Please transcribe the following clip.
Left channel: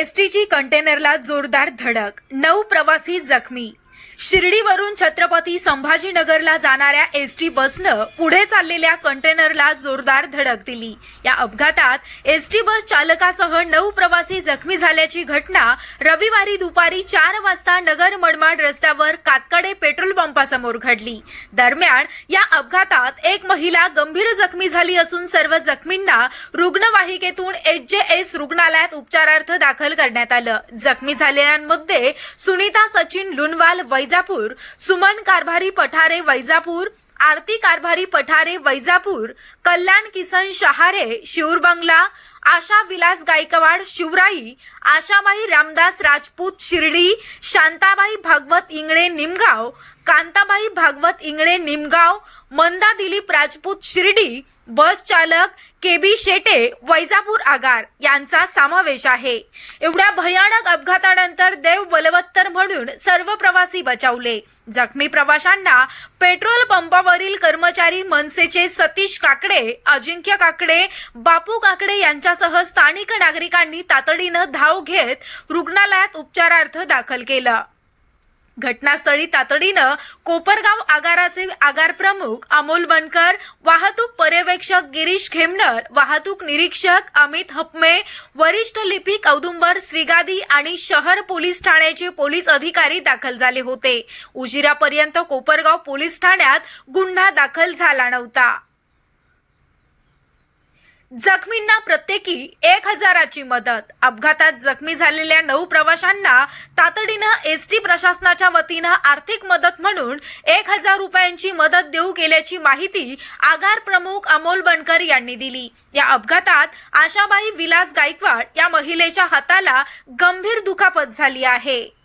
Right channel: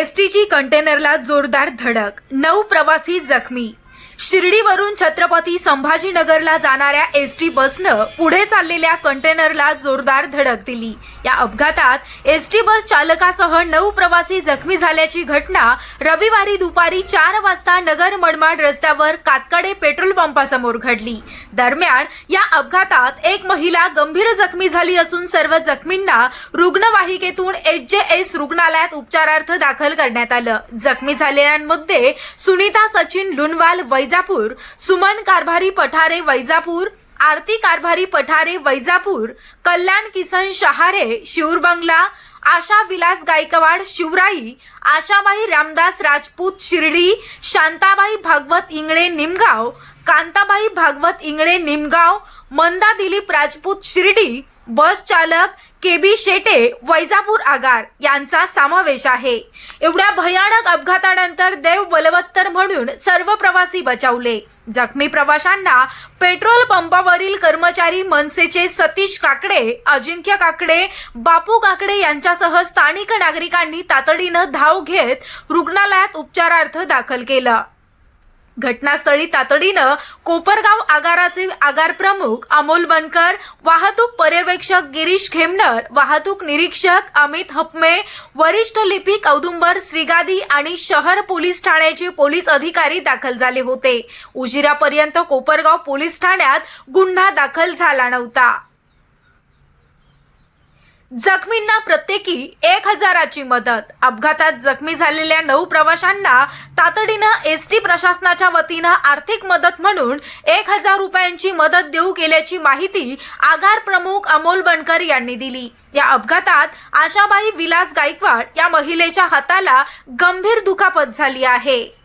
एसटीची कंटेनरला जोरदार धडक नऊ प्रवासी जखमी शिर्डीवरून छत्रपती संभाजीनगरला जाणाऱ्या एस टी बसनं पुढे चाललेल्या कंटेनरला जोरदार धडक दिली. या अपघातात एस टी बस चालकासह नऊ प्रवासी जखमी झाल्याची घटना रविवारी दुपारी चार वाजता नगर मनमाड रस्त्यावर कातकडे पेट्रोल पंपासमोर घडली. दरम्यान या अपघातात एक महिला गंभीर जखमी झाली असून सर्व जखमींना रुग्णवाहिकेतून एच जे एस रुग्णालयात उपचारार्थ दाखल करण्यात आलं. जखमी झालेल्यांमध्ये सुनीता सचिन लुनवाल वैजापूर सुमन कारभारी पठारे वैजापूर आरती कारभारी पठारे वैजापूर कल्याण किसन शहारे शिवरबंगला आशा विलास गायकवाड शिवराई आशाबाई रामदास राजपूत शिर्डी शांताबाई भागवत इंगळे निमगाव कांताबाई भागवत इंगळे निमगाव मंदा दिलीप राजपूत शिर्डी बस चालक के बी शेटे वैजापूर आगार यांचा समावेश आहे. एवढ्या भयानक अपघातानंतर देव म्हणून सर्व प्रवासी बचावले. जखमी प्रवाशांना पेट्रोल पंपावरील कर्मचारी मनसेचे सतीश काकडे अजिंक्य काकडे बापू काकडे यांच्यासह स्थानिक नागरिकांनी तातडीनं धाव घेत रुग्णालयात उपचारार्थ दाखल केलं. घटनास्थळी तातडीनं कोपरगाव आगाराचे आगार प्रमुख अमोल बनकर वाहतूक पर्यवेक्षक गिरीश खेमनर वाहतूक निरीक्षक अमित हपमे वरिष्ठ लिपिक औदुंबर श्रीगादी आणि शहर पोलीस ठाण्याचे पोलीस अधिकारी दाखल झाले होते. उशिरापर्यंत कोपरगाव पोलीस ठाण्यात गुन्हा दाखल झाला नव्हता. जखमींना प्रत्येकी एक हजाराची मदत. अपघातात जखमी झालेल्या नऊ प्रवाशांना तातडीनं एस टी प्रशासनाच्या वतीनं आर्थिक मदत म्हणून एक हजार रुपयांची मदत देऊ केल्याची माहिती आगार प्रमुख अमोल बनकर यांनी दिली. या अपघातात आशाबाई विलास गायकवाड या महिलेच्या हाताला गंभीर दुखापत झाली आहे.